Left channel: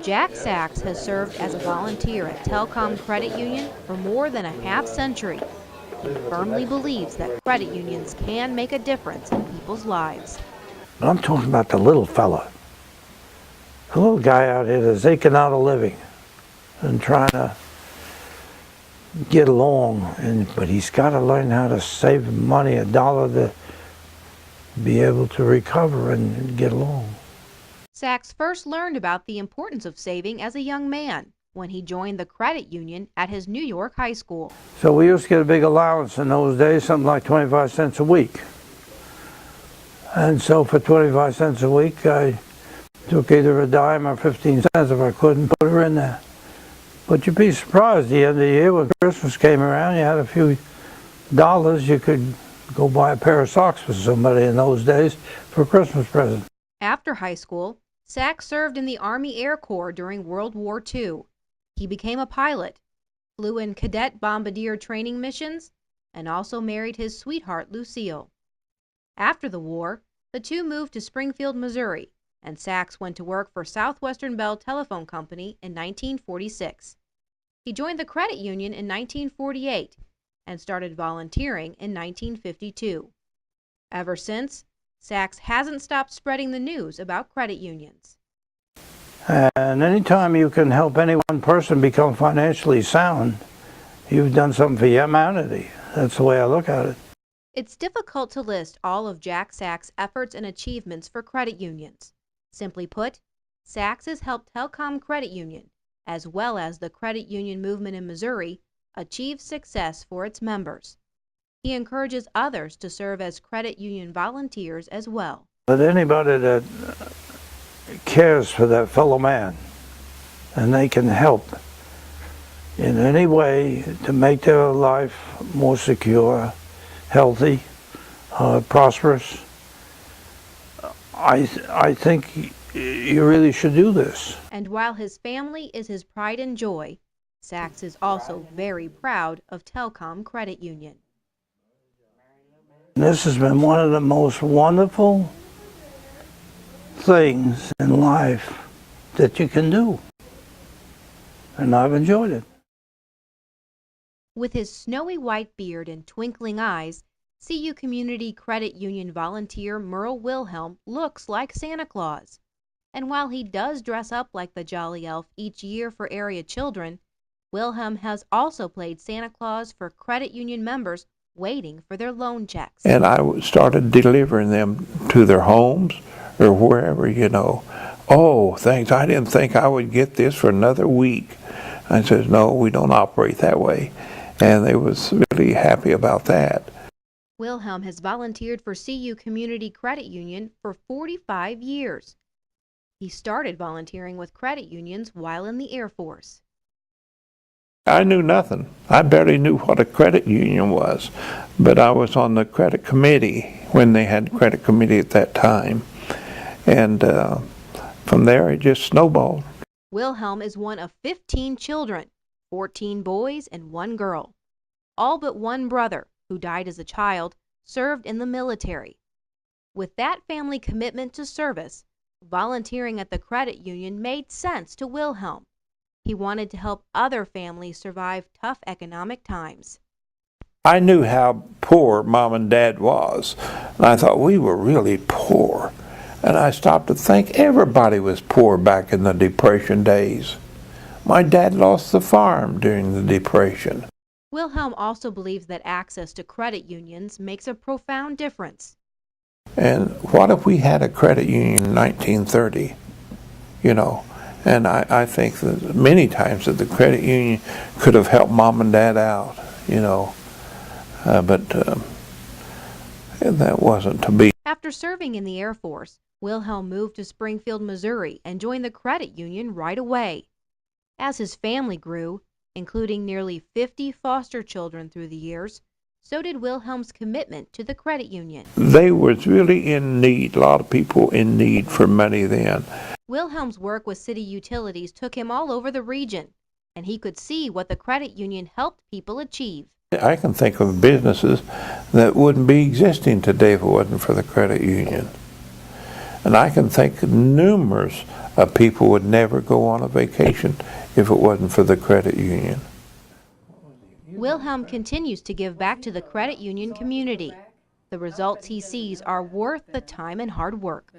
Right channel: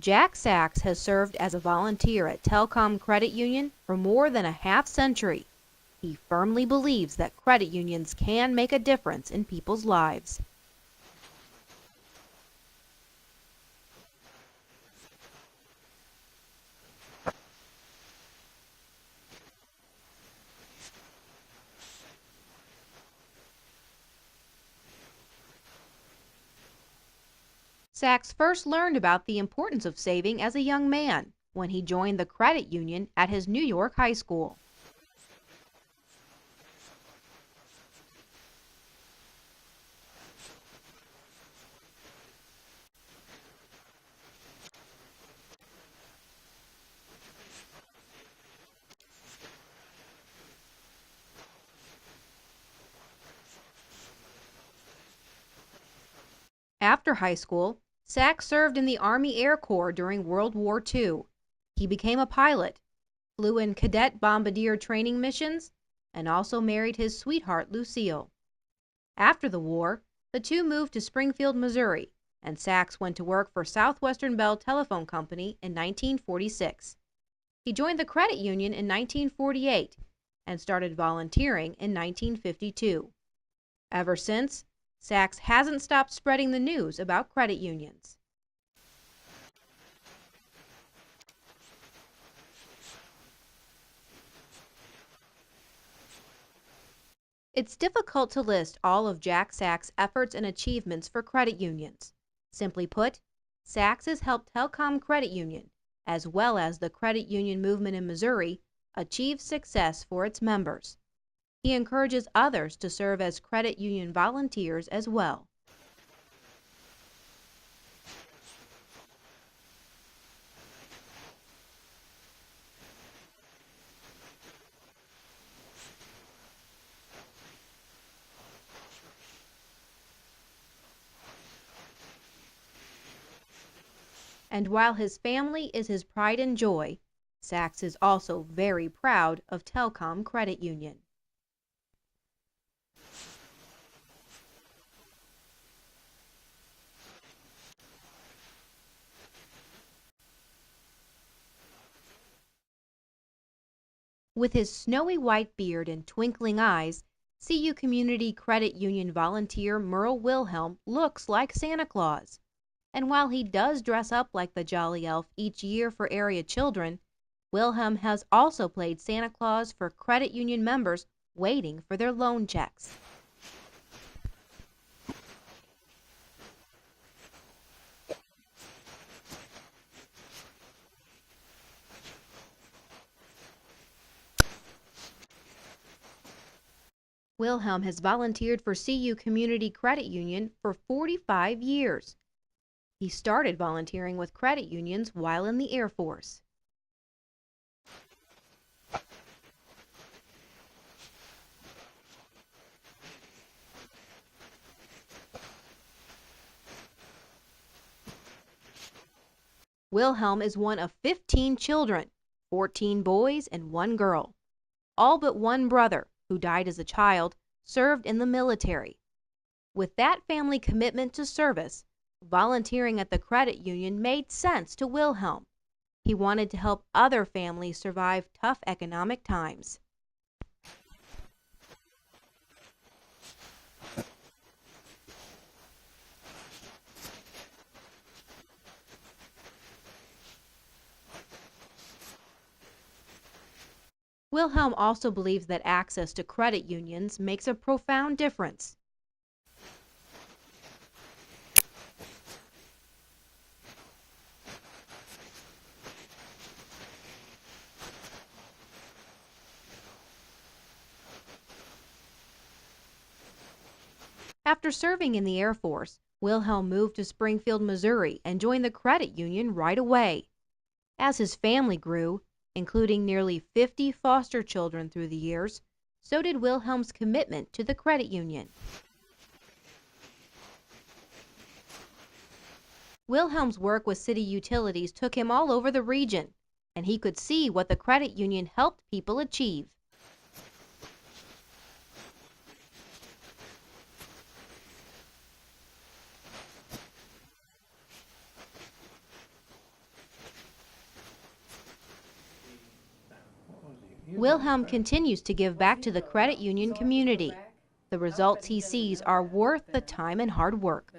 Jack Sachs has served as a volunteer at Telcom Credit Union for more than a half-century. He firmly believes that credit unions can make a difference in people's lives. I'm talking about the little fella, the little guy out here that's aching out a living and trying to get along, but he's got to learn how to save money, a dollar, to be able to recover and get along. Sachs first learned about the importance of saving as a young man when he joined the credit union at his New York high school. So we used to get a big allowance in those days, something like 25 cents a week. And so for 25 cents a week, I took either a dime or 15 cents if I could and put her in there. But you'd be surprised at the end of the year when Christmas came around, you had a few dollars, you could go buy a pair of socks for somebody in those days for a Christmas present. After high school, Sachs served in the Army Air Corps during World War II. He became a pilot, flew in cadet bombardier training missions, and also married his sweetheart, Lucille. After the war, the two moved to Springfield, Missouri, and Sachs went to work for Southwestern Bell Telephone Company in 1946. He joined the credit union in 1948 and started volunteering in 1952. Ever since, Sachs hasn't stopped spreading the news about credit unions. And anytime you can help any one person become financially sound, you've done something for humanity. That's the way I look at it. It's difficult to list all of Jack Sachs' efforts and achievements for credit unions. Simply put, Sachs has helped Telcom Credit Union, as well as the credit union movement in Missouri, achieve success for its members. He encourages others to serve as credit union volunteers as well. But anybody that cares for that fellow man and they can help in any way to make their life more secure, healthy, prosperous, I think you really should do this. And while his family is his pride and joy, Sachs is also very proud of Telcom Credit Union. This has been one of the most wonderful things in life that you can do, and I've enjoyed it. With his snowy white beard and twinkling eyes, CU Community Credit Union volunteer Merl Wilhelm looks like Santa Claus. And while he does dress up like the Jolly Elf each year for area children, Wilhelm has also played Santa Claus for credit union members waiting for their loan checks. And I started delivering them to their homes or wherever, Oh, thanks, I didn't think I would get this for another week. I said, no, we don't operate that way. And they was really happy about that. Wilhelm has volunteered for CU Community Credit Union for 45 years. He started volunteering with credit unions while in the Air Force. I knew nothing. I barely knew what a credit union was, but I was on the credit committee when they had credit committee at that time. And from there, it just snowballed. Wilhelm is one of 15 children, 14 boys and 1 girl. All but one brother, who died as a child, served in the military. With that family commitment to service, volunteering at the credit union made sense to Wilhelm. He wanted to help other families survive tough economic times. I knew how poor Mom and Dad was, and I thought we were really poor. And I stopped to think everybody was poor back in the Depression days. My dad lost the farm during the Depression. Wilhelm also believes that access to credit unions makes a profound difference. And what if we had a credit union in 1930, And I think that many times that the credit union could have helped Mom and Dad out, but that wasn't to be. After serving in the Air Force, Wilhelm moved to Springfield, Missouri, and joined the credit union right away. As his family grew, including nearly 50 foster children through the years, so did Wilhelm's commitment to the credit union. They was really in need, a lot of people in need for money then. Wilhelm's work with city utilities took him all over the region, and he could see what the credit union helped people achieve. I can think of businesses that wouldn't be existing today if it wasn't for the credit union. And I can think numerous people would never go on a vacation if it wasn't for the credit union. Wilhelm continues to give back to the credit union community. The results he sees are worth the time and hard work.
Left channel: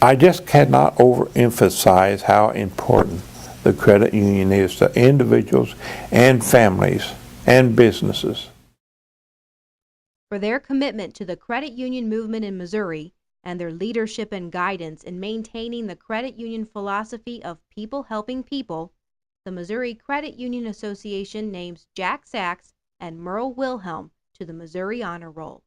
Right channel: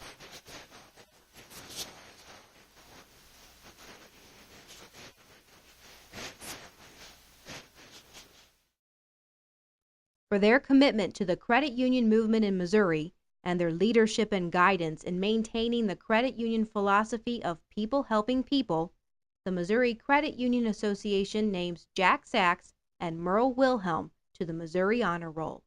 I just cannot overemphasize how important the credit union is to individuals and families and businesses. For their commitment to the credit union movement in Missouri and their leadership and guidance in maintaining the credit union philosophy of people helping people, the Missouri Credit Union Association names Jacques Sachs and Merl Wilhelm to the Missouri Honor Roll.